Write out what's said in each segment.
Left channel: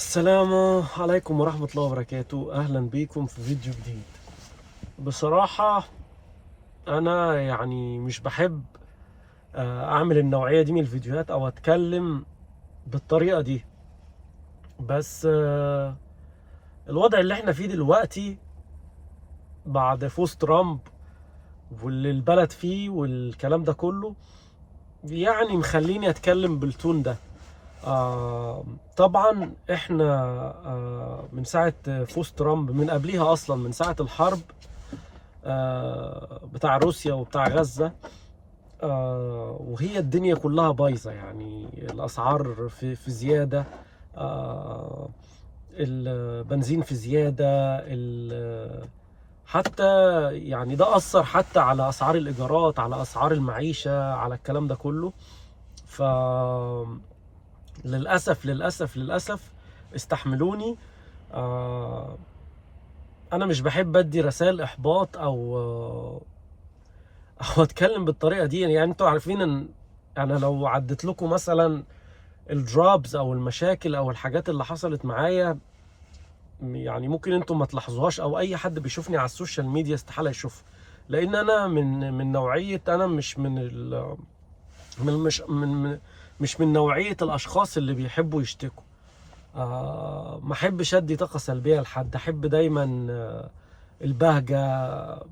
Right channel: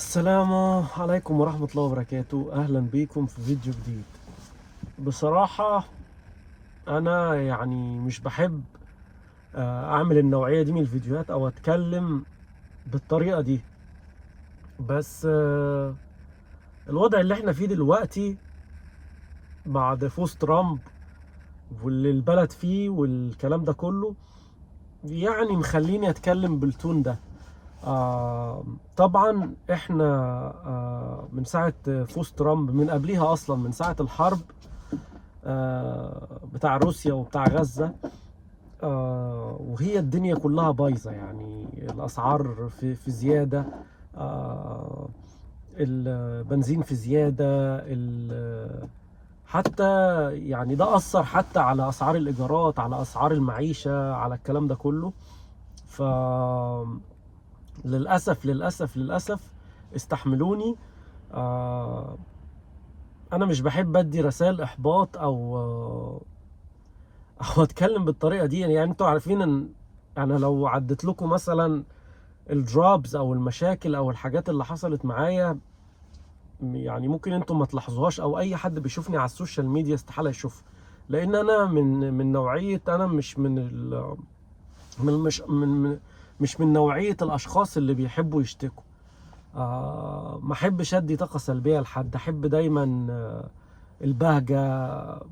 السلام عليكم ورحمة الله وبركاته. أهلا بيكم في فيديو جديد. بصراحة أنا يعني مش بحب أعمل النوعية دي من الفيديوهات أو أتكلم بالطريقة دي، بس الوضع اللي احنا فيه دلوقتي بعد فوز ترامب واللي البلد فيه والكلام ده كله يعني مخليني أتكلم بالتون ده. طبعا احنا من ساعة فوز ترامب، من قبليها اصلا من ساعة الحرب بتاع روسيا وبتاع غزة، وهي الدنيا كلها بايظة، يعني الاسعار في زيادة، البنزين في زيادة، حتى يعني ده أثر حتى على أسعار الإيجارات، على أسعار المعيشة، على الكلام ده كله. ف للأسف استحملوني. آه أنا مش بحب أدي رسائل إحباط أو أتكلم بالطريقة دي. يعني أنتوا عارفين إن أنا لو عدت لكم مثلا الدرابز أو المشاكل أو الحاجات اللي حصلت معايا، يعني ممكن أنتوا ما تلاحظوهاش، أو أي حد بيشوفني على السوشيال ميديا استحالة يشوفها، لأن أنا من نوعية، أنا مش من ال من مش من مش من نوعية الأشخاص اللي بيحبوا يشتكوا. ما احبش ادي طاقه سلبيه لحد، احب دايما البهجه.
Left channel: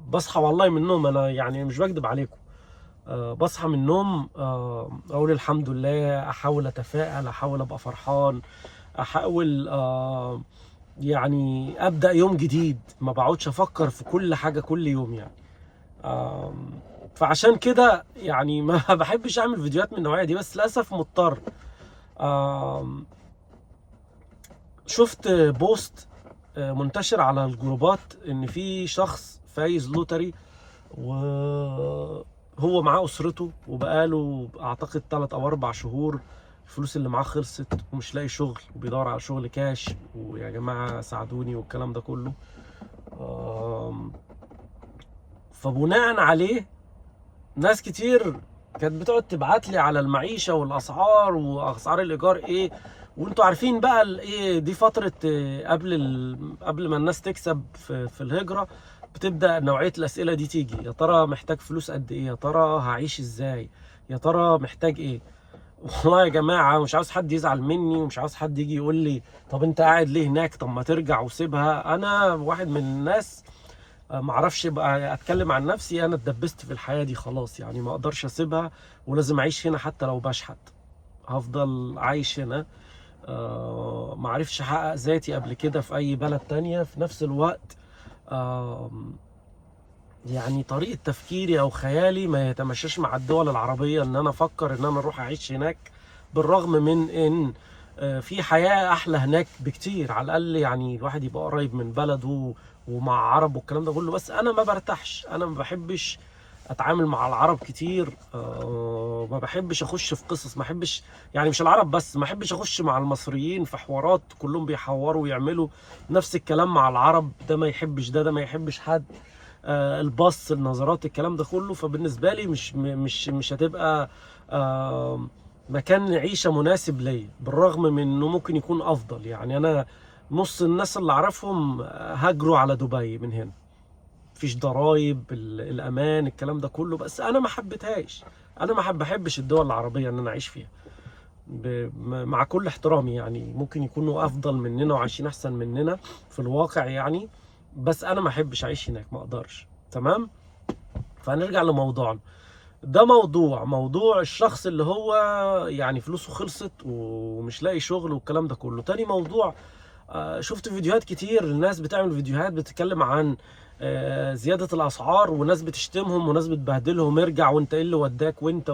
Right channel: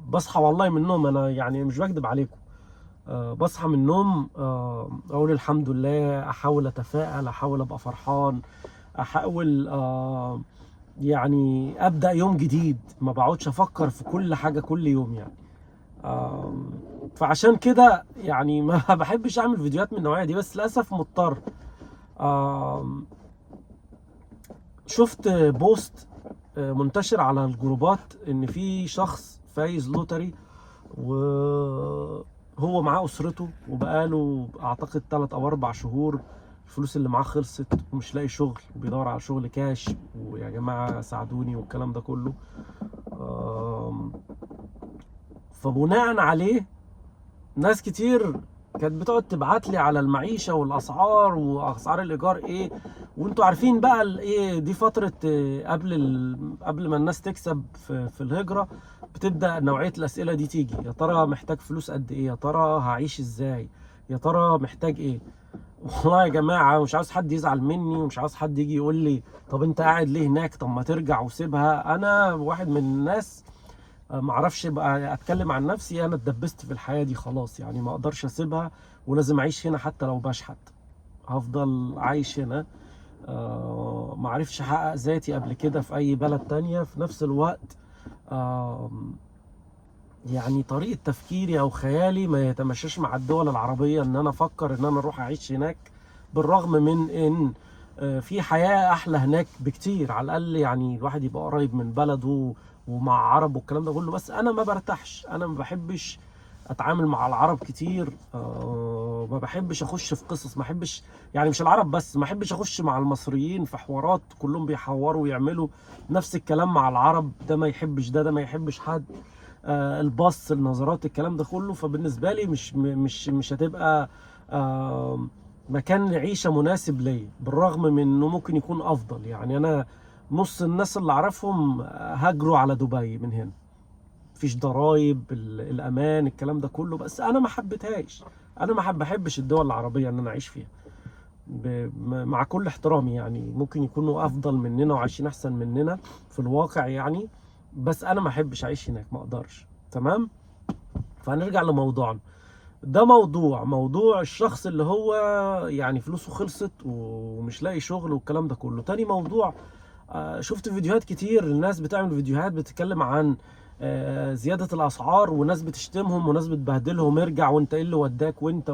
بصحى والله من النوم، انا يعني مش بكذب عليكم، بصحى من النوم اقول الحمد لله، احاول اتفائل، احاول ابقى فرحان، احاول يعني ابدا يوم جديد، ما بقعدش افكر في كل حاجه كل يوم يعني. آه، فعشان كده يعني ما بحبش اعمل فيديوهات من النوعيه دي، بس للاسف مضطر. آم، شفت بوست منتشر على الجروبات ان في شخص فايز لوتري، وهو معاه اسرته، وبقاله اعتقد 3 او 4 شهور الفلوس اللي معاه خلصت، ومش لاقي شغل، وبيدور على شغل كاش، ويا جماعة ساعدوني والكلام ده كله. آم، فبناء عليه ناس كتير كانت بتقعد تبعت لي على المعيشه والاسعار واسعار الايجار ايه. وانتوا عارفين بقى ايه دي فتره قبل قبل ما الناس تكسب في الهجره، بتبدا نوعيه الاسئله دي تيجي: يا ترى محتاج فلوس قد ايه؟ يا ترى هعيش ازاي؟ يا ترى محتاج ايه؟ والله يا جماعه مش عاوز حد يزعل مني، ومش عاوز حد يجي يقول لي طب انت قاعد ليه هناك، طب ما ترجع وسيبها. انا واحد من الناس معرفش بقى اتكلم عن نفسي، انا اتدبست في الحياة دي خلاص، يعني ما اقدرش اسيبها، ولازم اعيش هنا حتى لو بشحت، هفضل عايش هنا. معرفش احقق ذاتي قبل كده في اي بلد تانية. في نفس الوقت آه، يعني طريقة تفكيري او خيالي ما يتمشاش مع الدول العربية ان انا افكر ان انا اروح اعيش هناك، بالرغم من ان في حياة احلى هناك بكتير، على الاقل يعني الواحد يبقى قريب من بلده ومع عرب والكلام ده كله. بس انا ما برتاحش، انا ما بحبش اتعامل مع العرب كتير، ما بحبش اخش في قصص، ما بحبش يعني مش العرب بس، ما بحبش اخش مع المصريين في حوارات كلهم بيحوروا ويعملوا نفس الكلام مع العرب، ده ما يحبش ده ما يحبش حد، البص، النظرات، الكلام ده كله. فبالنسبه لي مش هتبقى مكان عيشه مناسب ليا، بالرغم من انه ممكن يكون افضل. يعني انا نص الناس اللي اعرفهم هاجروا على دبي من هنا، مفيش ضرايب، الامان، الكلام ده كله، بس انا ما حبيتهاش. انا ما بحبش الدول العربيه ان انا اعيش فيها، مع كل احترامي، يعني ممكن يكونوا افضل مننا وعايشين احسن مننا في الواقع يعني، بس انا ما احبش اعيش هناك، ما اقدرش. تمام. فهنرجع لموضوعنا. ده موضوع الشخص اللي هو يعني فلوسه خلصت ومش لاقي شغل والكلام ده كله. تاني موضوع، شفت فيديوهات كتير، الناس بتعمل فيديوهات بتتكلم عن زيادة الأسعار، وناس بتشتمهم وناس بتبهدلهم: ارجع، وانت ايه اللي وداك، وانت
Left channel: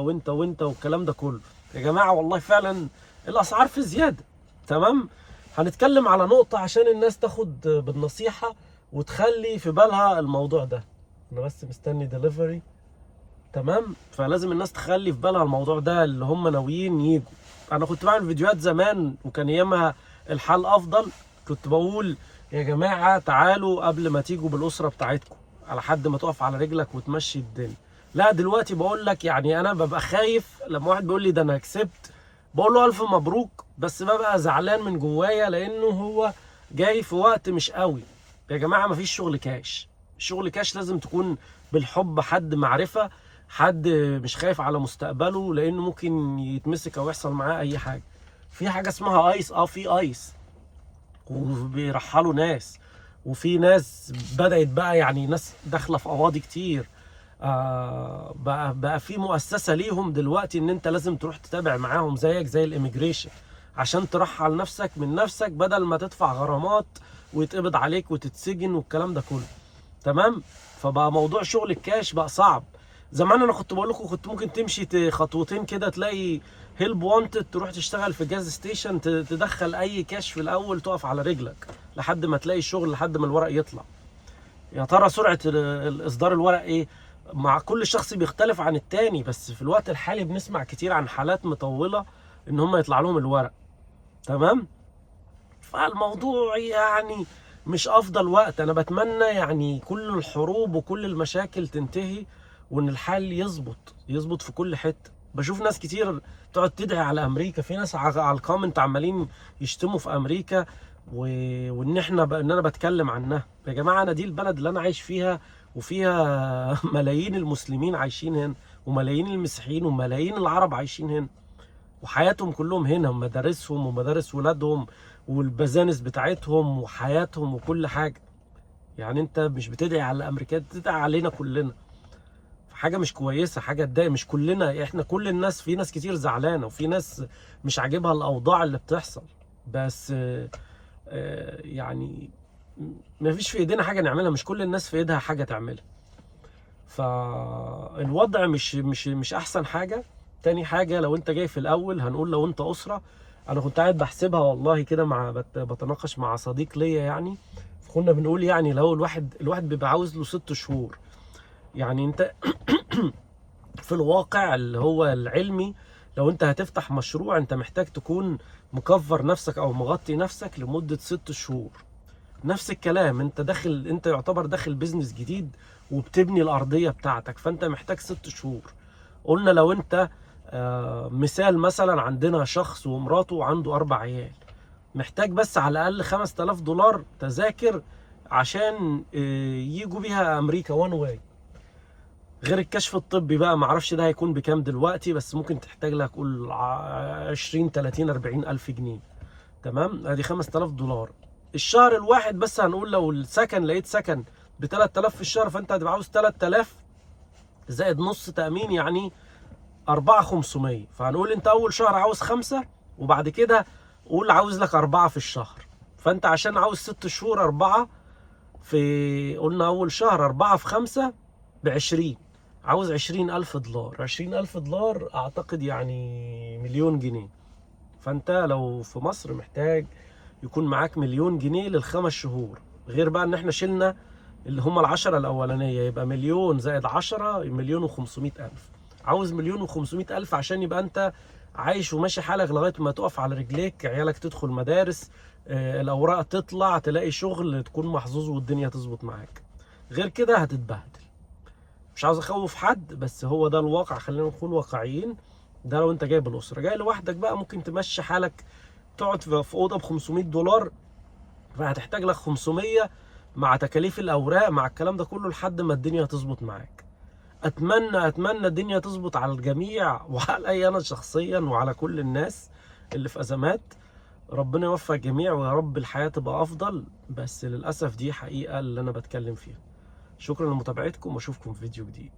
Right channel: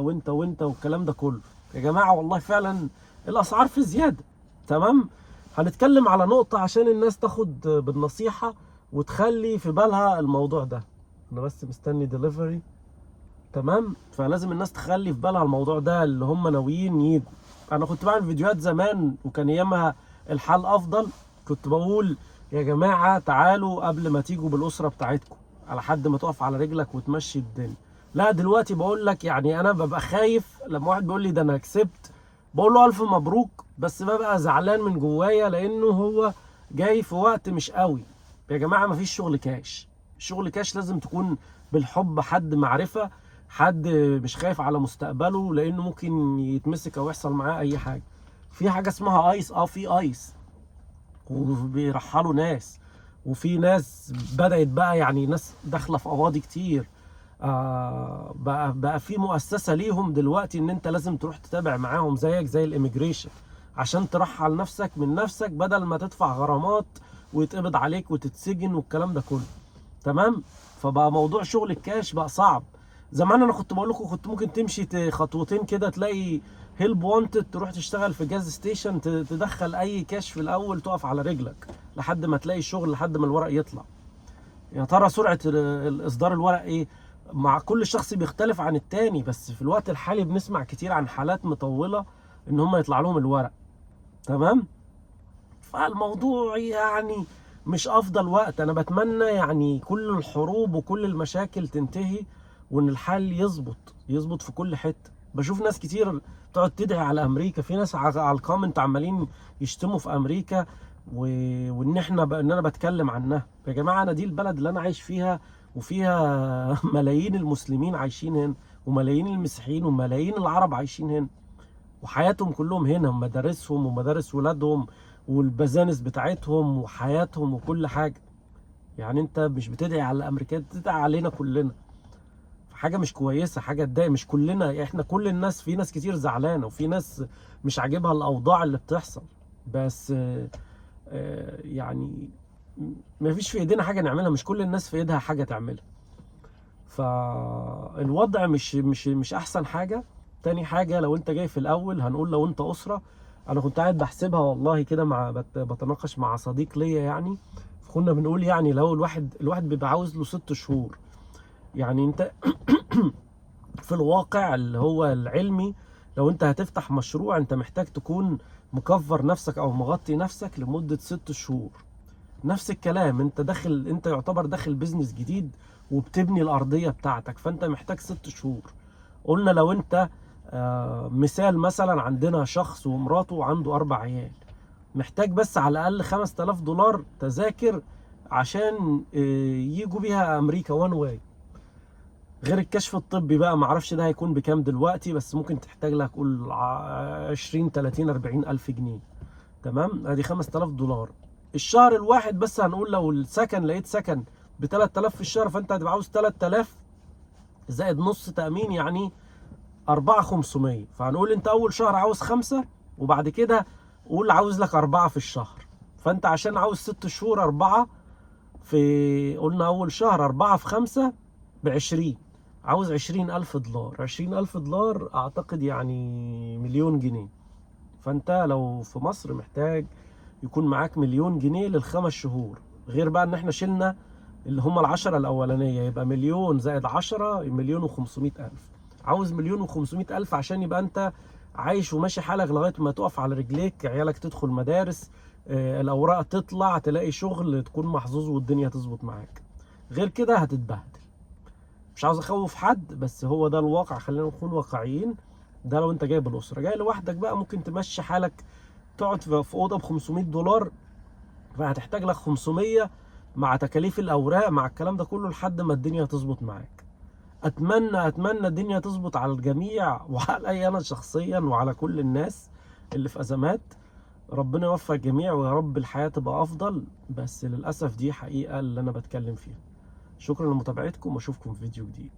والكلام ده كله. يا جماعة والله فعلا الأسعار في زيادة. تمام. هنتكلم على نقطة عشان الناس تاخد بالنصيحة وتخلي في بالها الموضوع ده. أنا بس مستني ديليفري. تمام. فلازم الناس تخلي في بالها الموضوع ده، اللي هم ناويين يجوا. انا كنت بعمل فيديوهات زمان وكان ايامها الحال افضل، كنت بقول يا جماعة تعالوا قبل ما تيجوا بالاسرة بتاعتكم، على حد ما تقف على رجلك وتمشي الدنيا. لا دلوقتي بقول لك، يعني انا ببقى خايف لما واحد بيقول لي ده انا كسبت، بقول له الف مبروك، بس ببقى زعلان من جوايا لانه هو جاي في وقت مش قوي. يا جماعه مفيش شغل كاش. شغل كاش لازم تكون بالحب، حد معرفه، حد مش خايف على مستقبله لانه ممكن يتمسك او يحصل معاه اي حاجه. في حاجه اسمها ايس، في ايس وبيرحلوا ناس، وفي ناس بدأت بقى يعني ناس داخله في قواضي كتير. بقى في مؤسسه ليهم دلوقتي ان انت لازم تروح تتابع معاهم زيك زي الاميجريشن عشان ترحل نفسك من نفسك بدل ما تدفع غرامات ويتقبض عليك وتتسجن والكلام ده كله. تمام. فبقى موضوع شغل الكاش بقى صعب. زمان انا كنت بقول لكم كنت ممكن تمشي خطوتين كده تلاقي هيلب وانتد، تروح تشتغل في جاز ستيشن، تدخل اي كاش في الاول، تقف على رجلك لحد ما تلاقي الشغل، لحد ما الورق يطلع. يا ترى سرعة الاصدار الورق ايه؟ مع كل شخص بيختلف عن التاني، بس في الوقت الحالي بنسمع كتير عن حالات مطولة ان هم يطلع لهم الورق. تمام. فالموضوع يعني مش افضل وقت. انا بتمنى يعني كل الحروب وكل المشاكل تنتهي وان الحال يظبط في كل حته. بشوف ناس كتير تقعد تدعي على امريكا، في ناس على الكومنت عمالين يشتموا في امريكا وان ان انا بتكلم عنها. يا جماعه انا دي البلد اللي انا عايش فيها، وفيها ملايين المسلمين عايشين هنا، وملايين المسيحيين، وملايين العرب عايشين هنا، وحياتهم كلهم هنا، ومدارسهم ومدارس ولادهم والبزانس بتاعتهم وحياتهم وكل حاجة. يعني انت مش بتدعي على الامريكان، بتدعي علينا كلنا. حاجة مش كويسة، حاجة تضايق. مش كلنا، احنا كل الناس، في ناس كتير زعلانة وفي ناس مش عاجبها الاوضاع اللي بتحصل، بس يعني مفيش في ايدينا حاجة نعملها، مش كل الناس في ايدها حاجة تعملها. فالوضع مش احسن حاجة. تاني حاجة، لو انت جاي في الاول، هنقول لو انت اسرة. انا كنت قاعد بحسبها والله كده، مع بتناقش مع صديق ليا يعني. كنا بنقول يعني لو الواحد بيبقى عاوز له 6 شهور. يعني انت في الواقع اللي هو العلمي، لو انت هتفتح مشروع انت محتاج تكون مكفر نفسك او مغطي نفسك لمدة 6 شهور. نفس الكلام، انت داخل، انت يعتبر داخل بيزنس جديد وبتبني الارضيه بتاعتك، فانت محتاج 6 شهور. قلنا لو انت مثال مثلا، عندنا شخص ومراته وعنده 4 عيال، محتاج بس على الاقل $5000 تذاكر عشان يجوا بيها امريكا وان واي. غير الكشف الطبي بقى، معرفش ده هيكون بكام دلوقتي، بس ممكن تحتاج لك قول 20 30 40 الف جنيه. تمام. ادي $5000 الشهر الواحد. بس هنقول لو السكن، لقيت سكن ب 3000 في الشهر، فانت هتبقى عاوز 3000 زائد نص تأمين، يعني 4500. فهنقول انت اول شهر عاوز 5، وبعد كده قول عاوز لك 4 في الشهر. فانت عشان عاوز 6 شهور 4 في، قلنا اول شهر 4 في 5 ب20، عاوز $20000. $20000 اعتقد يعني مليون جنيه. فانت لو في مصر محتاج يكون معاك مليون جنيه لل5 شهور. غير بقى ان احنا شلنا اللي هم ال10 الاولانيه، يبقى مليون زائد 10 1,500,000. عاوز 1,500,000 عشان يبقى انت عايش وماشي حالك لغايه ما تقف على رجليك، عيالك تدخل مدارس، الاوراق تطلع، تلاقي شغل، تكون محظوظ والدنيا تظبط معاك. غير كده هتتبهدل. مش عاوز اخوف حد، بس هو ده الواقع، خلينا نكون واقعيين. ده لو انت جاي بالاسره. جاي لوحدك بقى ممكن تمشي حالك، تقعد في اوضه ب$500، فهتحتاج لك 500 مع تكاليف الاوراق مع الكلام ده كله لحد ما الدنيا تظبط معاك. اتمنى الدنيا تظبط على الجميع، وعلى انا شخصيا وعلى كل الناس اللي في ازمات. ربنا يوفق الجميع ويا رب الحياه تبقى افضل، بس للاسف دي حقيقه اللي انا بتكلم فيها. شكرا لمتابعتكم واشوفكم في فيديو جديد.